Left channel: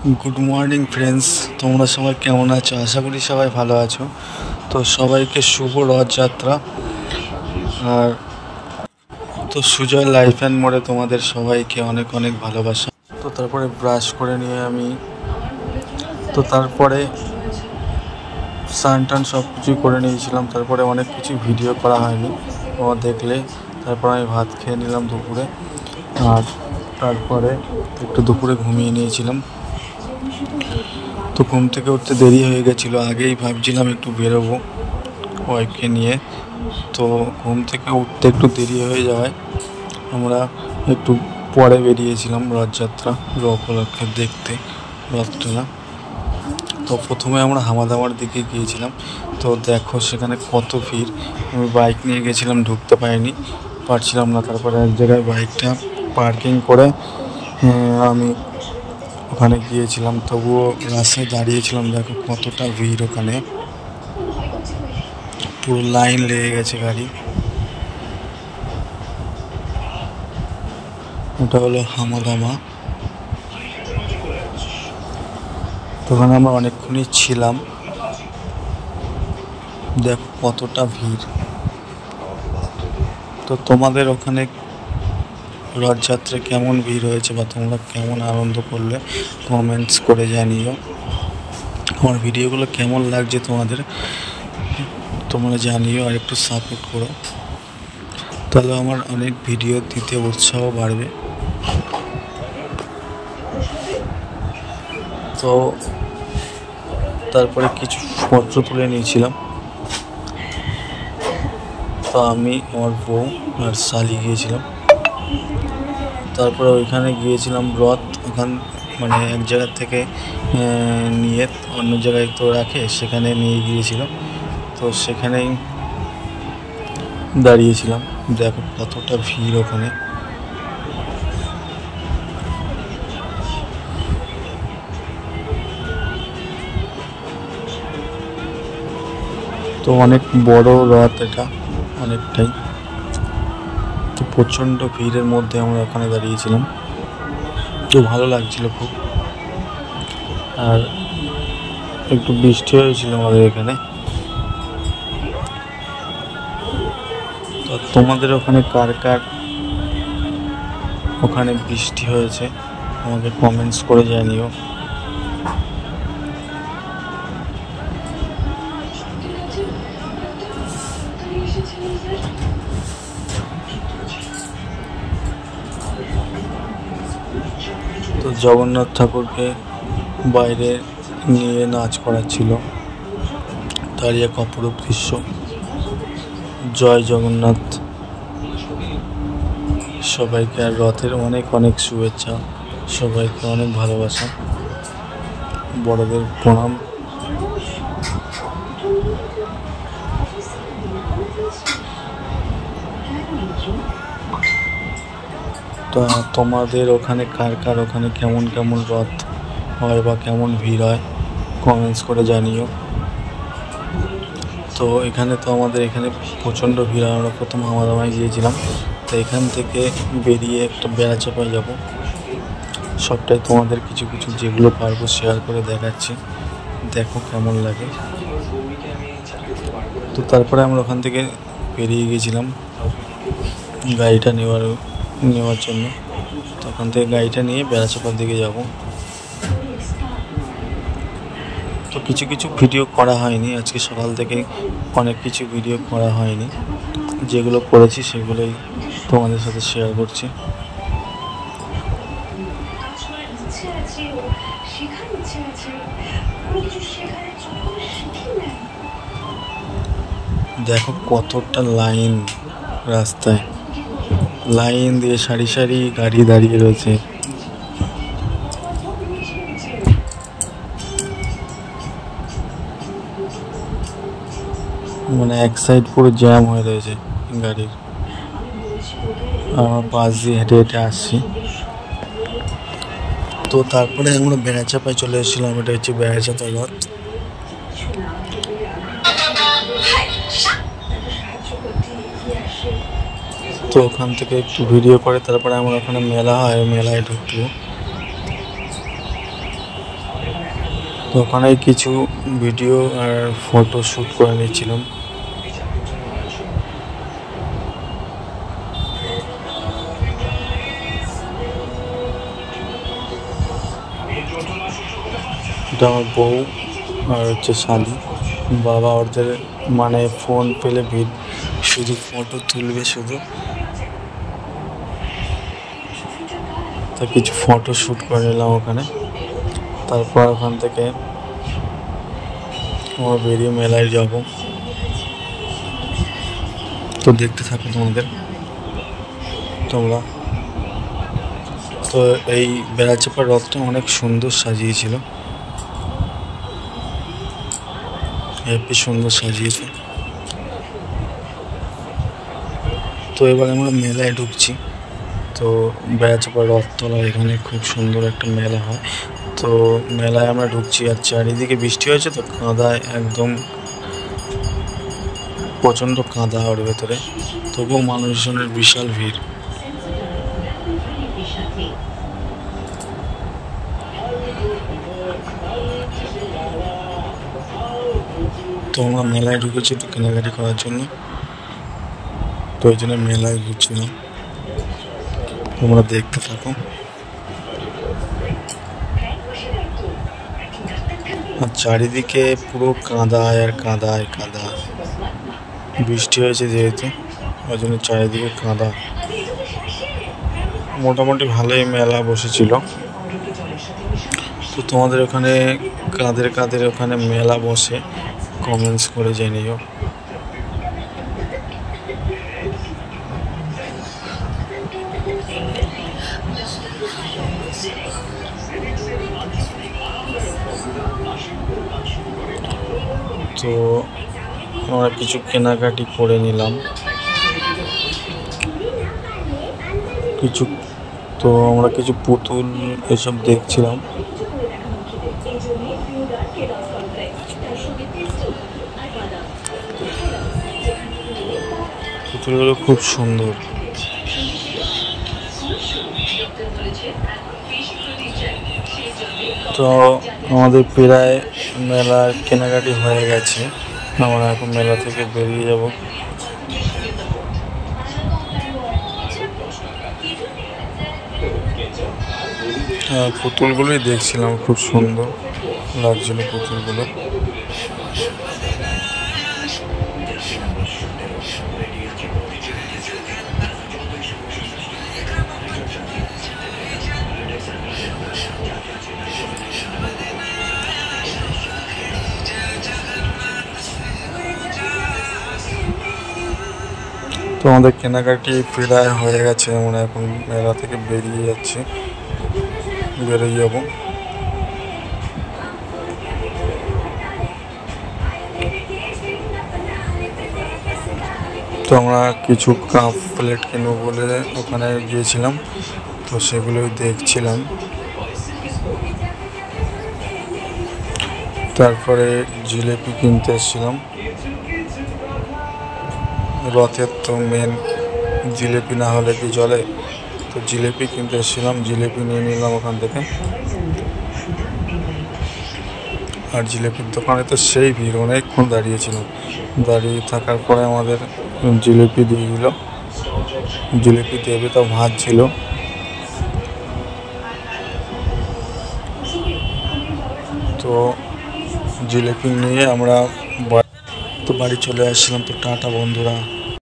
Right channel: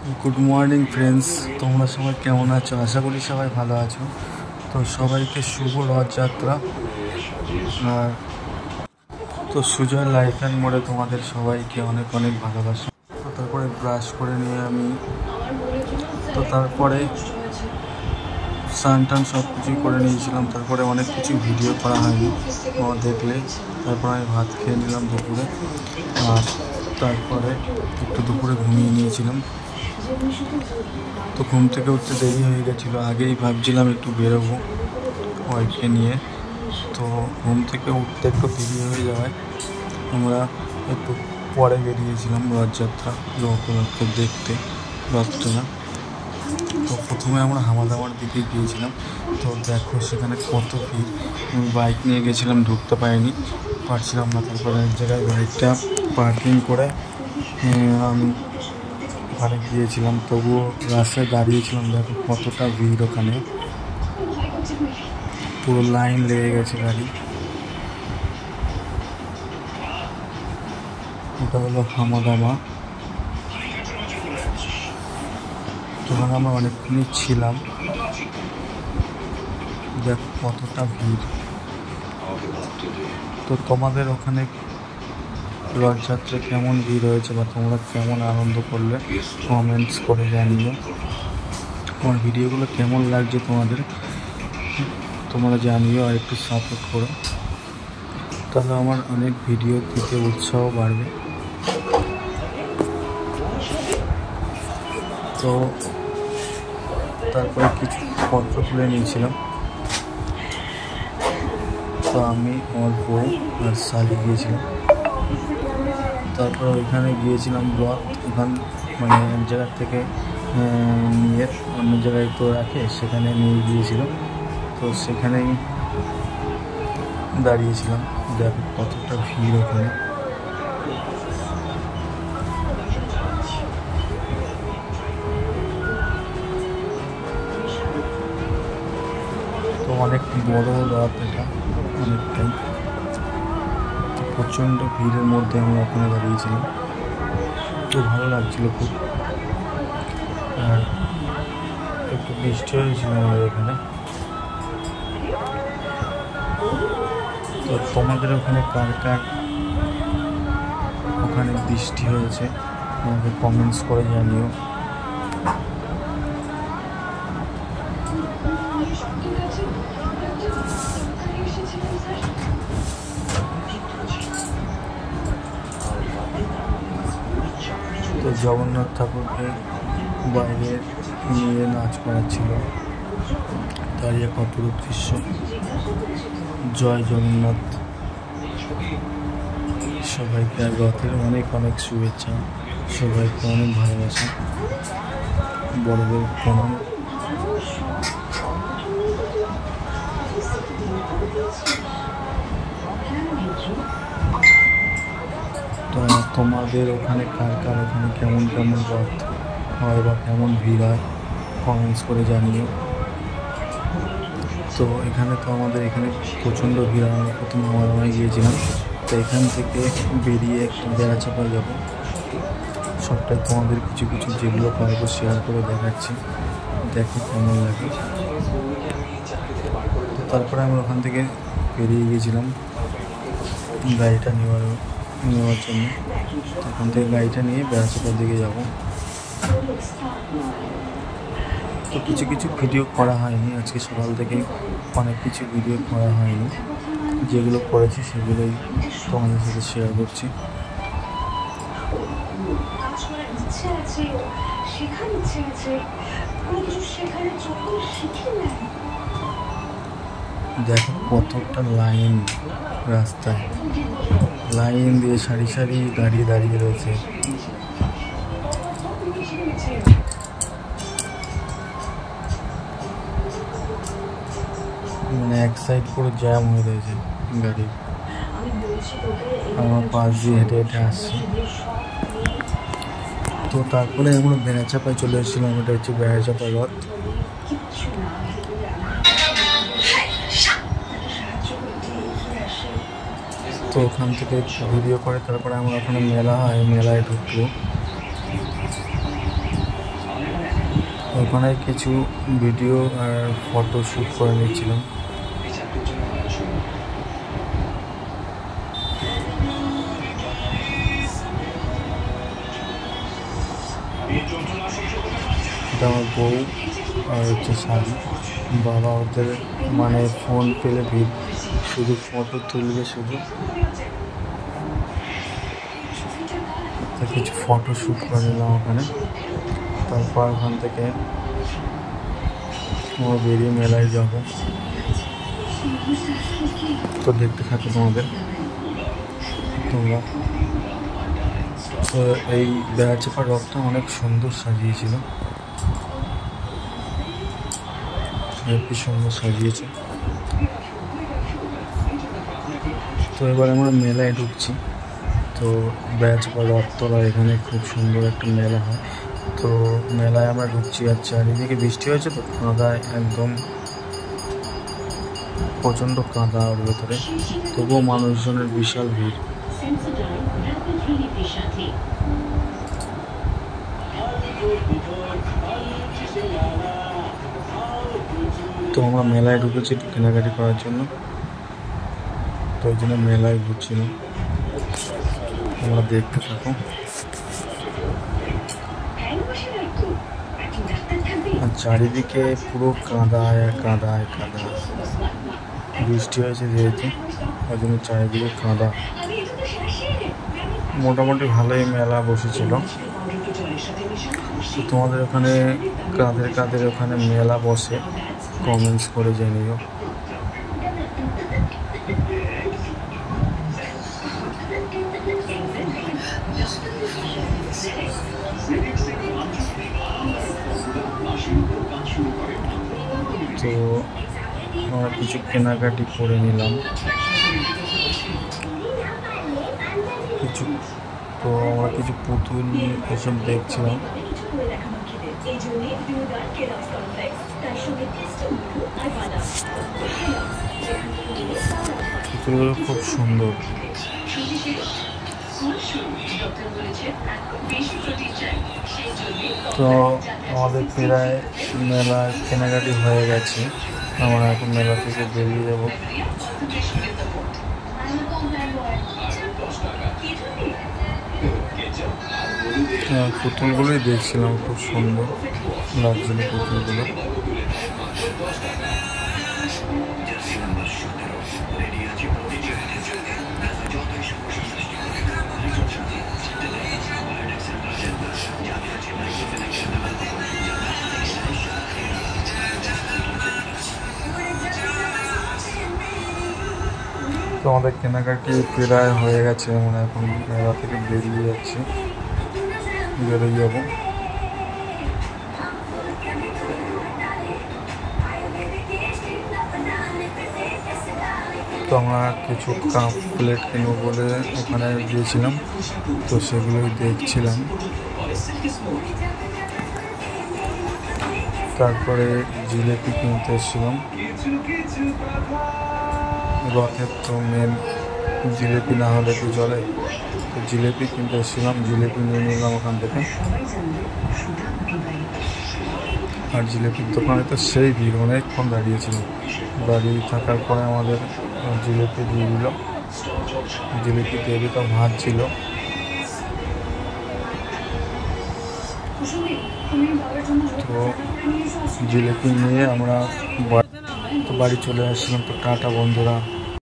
Good morning friends, তোমরা সবাই কেমন আছো? আশা করি সবাই ভালো আছো। তো সবাইকে শুভ রথযাত্রা। আর তো সুজয় লাইফ অ্যান্ড মোড়ে তোমাদের সবাইকে অনেক অনেক ভালোবাসা। তো তারপরে ব্রাশ করে নিয়ে আমি তারপরে স্নান টান সব কিছু করে নিয়েছিলাম। তারপরে অনেক কিছু ভিডিও করা হয়নি, তোমরা দেখলে। তারপর আমি ভাত খেয়ে নিলাম দুপুরে। আর তারপরে একটু দুপুরে ঘুমিয়ে নিয়েছিলাম। তো ঘুম থেকে উঠতে দেরি হয়ে গেছিলো। আগেই ভাবছিলাম একটু বেরোবো ওয়াইফকে নিয়ে। তো ঘুম থেকে উঠতে একটু দেরি হয়ে যায়, আমরা একটু পরে বেরিয়েছিলাম রথযাত্রা উপলক্ষে দেখতে রথটা। তো প্রথমে আমরা হামাদামার দিকে গিয়েছিলাম। তো দেখো সেখানে কত ভিড়। আমি বাইক নিয়ে গেছিলাম, ঢুকতে পারছিলাম না। তারপরে এক জায়গায় বাইকটা পার্কিং করে আমি ওখানে গিয়েছিলাম। তবুও রাস্তায় দাঁড়িয়েছিলাম। দেখো কতটা ভিড়, ওখানে পুরো লাইন লেগে গেছে গাড়ি। ওটা হলো হামাদামা। ওখানে আমরা অনেকক্ষণই ছিলাম। দেখো কতটা ভিড়। তো তোমাদের ওখানে রথযাত্রায় কেমন ভিড় হয়েছে বা তোমরা কেমন আনন্দ করলে কমেন্টস করে জানিও। আমার ভিডিওগুলো কেমন লাগছে তোমরা জানিও, আর একটু সাপোর্ট করো, তাহলে আমার অনেক ভিডিও দিতে উৎসাহ বাড়বে। তো তারপরে কিছু পত্র তুলে নিয়েছিলাম। তো আমি, আমার বউ আর শালি গিয়েছিলাম। তারপরে ওইখানে গিয়েছিলাম মানে এক জায়গা থেকে নিয়ে অন্য জায়গায় তো রাখে, সেখানে নিয়ে গিয়েছিলাম। তো সেখানেই দাঁড়িয়েছিলাম। দেখো কতটা ভিড় ওখানে। তো অনেক বড় রথ এটা, অনেকটাই। তো প্রচণ্ড ভিড়ের মধ্যে আমরা ওখানে দাঁড়িয়েছিলাম। তো ভালো লাগছিল খুব। আর একটু বৃষ্টি হয়েছিল আমাদের এখানে। তো তোমাদের ওখানে কার কার ওখানে বৃষ্টি হয়েছে আমাকে কমেন্টস করে জানিও। তো জগন্নাথ ঠাকুরকে বাইরে নিয়ে নাচ করাচ্ছিল, তারই এক অপরূপ দৃশ্য। জয় জগন্নাথ। সবাইকে আর রথের অনেক অনেক শুভেচ্ছা, সবাইকে অনেক ভালোবাসা, বড়দের প্রণাম। তো তোমাদের ওখানে কার ওখানে কেমন কেমন রথ হয় বা কেমন ভিড় হয় কমেন্টস করে জানিও। তো এখানে তো আমাদের এখানে প্রচণ্ড ভিড়। আমরা প্রথম হামাদামায় গিয়েছিলাম। তো এখান থেকে বেরিয়ে একটা বেড়াচাপায় যাব। সবটাই তোমাদের কিছু কিছু যেগুলো পারবো শেয়ার করে দেখাচ্ছি, দেখো কেমন লাগে। তো তারপরে আমরা ওখান থেকে বেরিয়ে গিয়েছিলাম গাড়িটা নেওয়ার জন্য। তো ওখান থেকে গাড়িটা নিয়ে বেড়াচাপার দিকে যাব। তো কিছু কিছু ভিডিও করা হয়নি আজকে সকাল থেকে, অনেক কিছু ভিডিও করা হয়নি। যেগুলো করেছি সেগুলোই তোমাদের সাথে শেয়ার করছি। দেখো কতটা লাইন, রাস্তায় লাইন দিয়ে সারি সারি গাড়ি দাঁড়িয়ে রয়েছে। মানে এক সাইড পুরো জ্যাম হয়ে রয়েছে গাড়ির। আমার পাশ দিয়ে হেঁটে হেঁটে আসছি। তো তারপরে আমরা বেড়াচাপায় চলে এসেছিলাম। এটা হচ্ছে বেড়াচাপা রথ। তো ওখান থেকে একটু ভিডিও করে তারপরে আমার ওখানে মেলা হয়, মেলায় ঢুকবো। তো ওখানে কিছু ভিডিও আর ফটো শ্যুট করে নিয়েছিলাম। এটা আমার বউ আর হচ্ছে শালি। বাবা ওদের মানে ফোন পেলে শুধু ফটো তুলবে শুধু, তো কিছু ফটো শ্যুট করে নিলাম ওখানে। তারপর ওখান থেকে আমরা বেরিয়ে মেলায় যাব। তো দেখতে থাকো তোমরা। তো এই বেড়াচাপা রথটা অনেক সুন্দর সাজিয়েছিল, হেবি সুন্দর সাজিয়েছে। তো এবার আমরা মেলায় ঢুকছি। তো বেড়াচাপা রথতলা এখানে খুব সুন্দর একটা মেলা হয়। তো মেলায় আমরা ঢুকছি, আর চারিদিকে বৃষ্টি হয়েছে তো কাদায় একদম প্রচণ্ড কাদা ওর ভেতরে, তবুও মানুষজনের বিশাল ভিড়। তো আমরা মেলায় ঢুকেছি একটু কেনাকাটি করার জন্য, তো ওই জন্য মেলায় ঘুরছিলাম। তোমরা দেখতে থাকো। আর চারিদিকে পুরো কাদায় আর কাদায় কাদা, বৃষ্টি হয়েছে যেহেতু ওই জন্য চারিদিকে কাদা। মোটামুটি ভালোই মেলা বসেছিল। তো তোমাদের ওখানে কাদের ওখানে মেলা বসে কমেন্টস করে জানিও। তো আমরা কিছু কেনাকাটি করে নিলাম তো আমরা কিছু পুতুল এসব দেখছিলাম। পুতুলগুলো খুব সুন্দর। তো আমাদের প্রায় মেলার কেনাকাটি হয়ে গেছে, আমরা এখন মেলা থেকে বেরিয়ে যাব। পুতুলগুলোই দেখছিলাম, খুব সুন্দর লাগছিল পুতুলগুলো। তো আমাদের কেনাকাটি প্রায় হয়ে গেছে, আমরা এখন মেলা থেকে বেরিয়ে যাব। তো আমরা কিছু কাপ প্লেট কিনবো বলে ওখানে গিয়েছিলাম, তো সেগুলোই দেখছিলাম। তারপরে জিলিপি কিনতে এসেছিলাম, রথের তো মেন জিলিপি না হলে কি চলে। তো জিলিপি কিনতে এসেছিলাম, জিলিপি নিয়ে নিলাম ওখান থেকে। আর জিলিপির দোকানে তো সেই ভিড়, অনেকক্ষণ দাঁড়িয়েছিলাম। দাঁড়িয়ে থাকার পরে আমাদের জিলিপি দিয়ে দিল, জিলিপি দেবে তো ভাত ছিল। তো জিলিপি নিয়ে আমরা তো বাড়ি চলে আসছিলাম। তো টাটা বন্ধুরা।